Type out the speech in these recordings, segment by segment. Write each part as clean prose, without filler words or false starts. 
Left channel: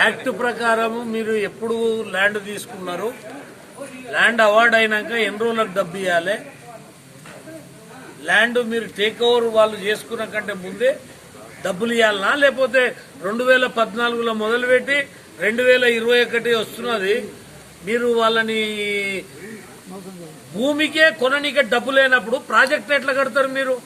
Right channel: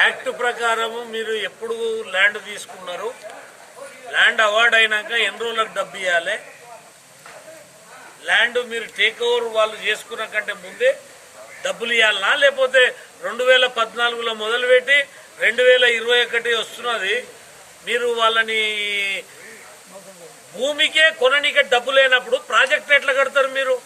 Act ప్రకారం మీరు ఎప్పుడు ల్యాండ్ తీసుకున్నారు, ల్యాండ్ అవార్డు అయినాక ఎన్ని రోజులకు డబ్బు ఇవ్వాలి, ల్యాండ్ మీరు టేక్ ఓవర్ వాళ్ళు చేసుకున్న కంటే ముందే డబ్బులు ఇవ్వాలనా, లేకపోతే 2014లో మొదలుపెట్టి 2021 వస్తున్నది మీరు వాళ్ళని భూమికే కొననీకే డబ్బు లేనప్పుడు ప్రాజెక్ట్ ఎట్లా కడతారు మీరు?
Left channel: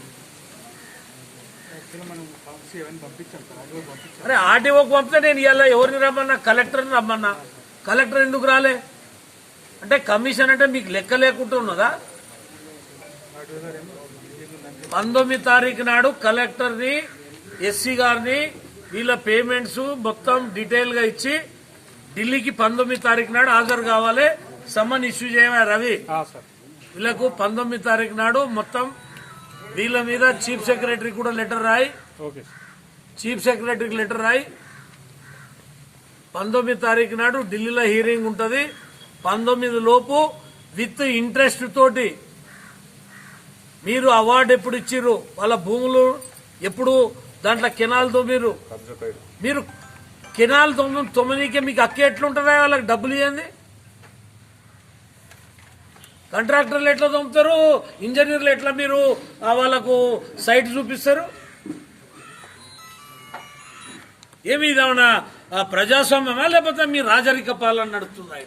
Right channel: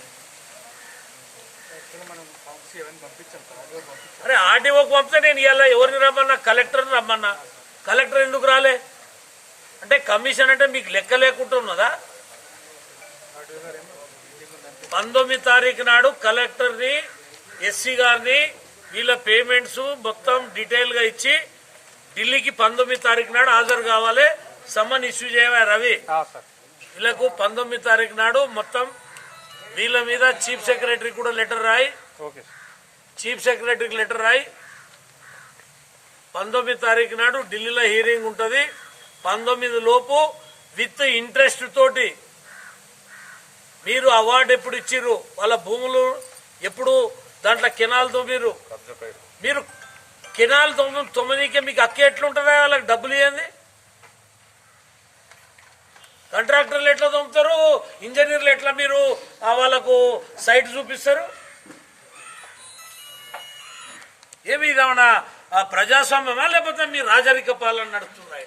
అరే ఆర్టీఓకి పంపితే నేను ఇవాళ ఎవరిని రమ్మన్నా, కలెక్టర్ని రమ్మన్నా, కలెక్టర్ ఎందుకు రాలే అంటే కమిషన్ అంటే మీకు లెక్క లేకుండా ఉన్నదా? 19 తారీఖు నాడు కలెక్టర్ని, ఎస్సీ గారిని వీళ్ళ పేమెంట్స్ మొత్తం డీటెయిల్ గా ఇచ్చి ఢిల్లీకి 19 తారీఖు నాడు హాజరు కావాలి. సమ్మన్ ఇష్యూ చేయవా రవి? వీళ్ళకు 19 తారీఖు నాడు మొత్తం వీళ్ళ మీద చీఫ్ సెక్రటరీ కూడా లెటర్ రాయి, చీఫ్ సెక్రటరీకి లెటర్ రాయి. 19 తారీఖు నాడు ఢిల్లీలో హీరింగ్ ఉంటుంది. 19 లోపు విత్ ఇంట్రెస్ట్ తోటి మీరు అవార్డు ఎప్పుడు ఇచ్చిర్రు, వాళ్ళ భూములు ఎప్పుడు దాంట్లో కెనాల్ తోమిరు, మీరు కెనాల్ తొమ్మిదికే మీకు అక్క ఎట్లుంటుందా? వాళ్ళకి డబ్బులు ఇవ్వండి. కాంట్రాక్టర్లు ఎట్లా తోముతారు, ఇంజనీర్లు ఎట్లా మీరు వాళ్ళకు సైట్ చూపిస్తారు? ఏమి ఇదేమన్నా ప్రజాస్వామ్యమా లేకపోతే మీ రాజరిక పాలన నడుపుతున్నాయి?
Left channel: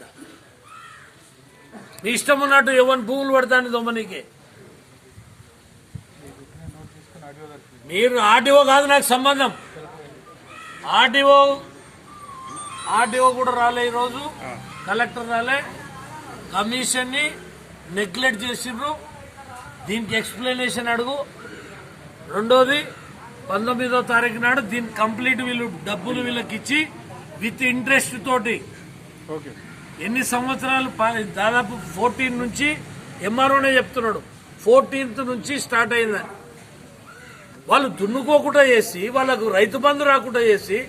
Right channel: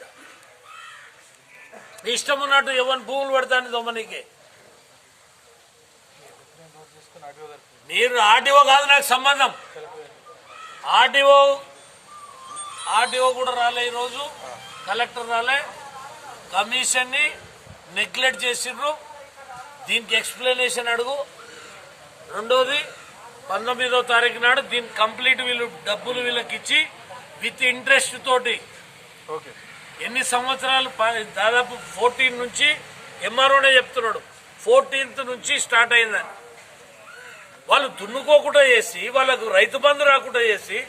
మీ ఇష్టం ఉన్నట్టు ఎవరిని భూములు పడతాను దొమ్మనీకే. మీరు ఆర్టీఓ కాదు నాకు సంబంధం. ఆర్టీఓ కూడా రాలే, ఈరోజు కలెక్టర్ రాలే. కమిషన్ ని నెగ్లెక్ట్ చేసిండ్రు, దీనికి ఎక్స్ప్లెనేషన్ అడుగు. రెండోది 19వ తారీఖు నాడు దీని కంప్లీట్ వీళ్ళు డబ్బులు వీళ్ళకి ఇచ్చి విత్ ఇంట్రెస్ట్ తోటి ఎన్ని సంవత్సరాలు, దాదాపు 14 నుంచి ఎంఆర్ఓనే చెప్తున్నాడు 14th నుంచి స్టార్ట్ అయిందని. వాళ్ళు దున్నుకోకుండా చేసి, వాళ్ళకు రైతు బంధు రాకుండా చేసి,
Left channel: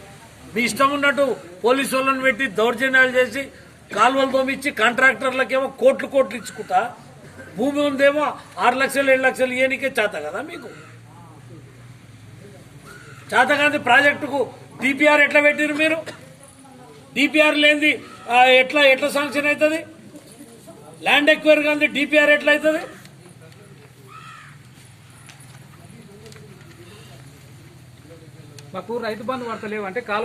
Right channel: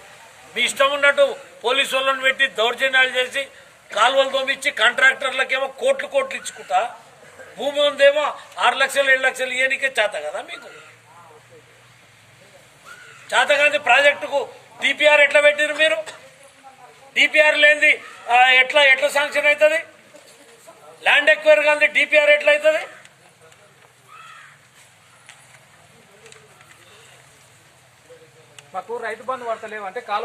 మీ ఇష్టం ఉన్నట్టు పోలీసు వాళ్ళని పెట్టి దౌర్జన్యాలు చేసి కాలువలు తోమిచ్చి కాంట్రాక్టర్లకేమో కోట్లు ఇచ్చుకుంటా, భూమి ఉందేమో 6 లక్షలు 7 లక్షలు ఇయనికే చేత కదా మీకు? చేత కాదు ప్రాజెక్టుకు డిపిఆర్ ఎట్లా పెట్టిరు మీరు? డిపిఆర్ లేనిది ఎట్లా శాంక్షన్ అవుతుంది? ల్యాండ్ ఎక్వైర్ కానీ డిపిఆర్ ఎట్లా అవుతుంది? మాకు రైతు బంధు వార్తలేవు అంటే కాలువ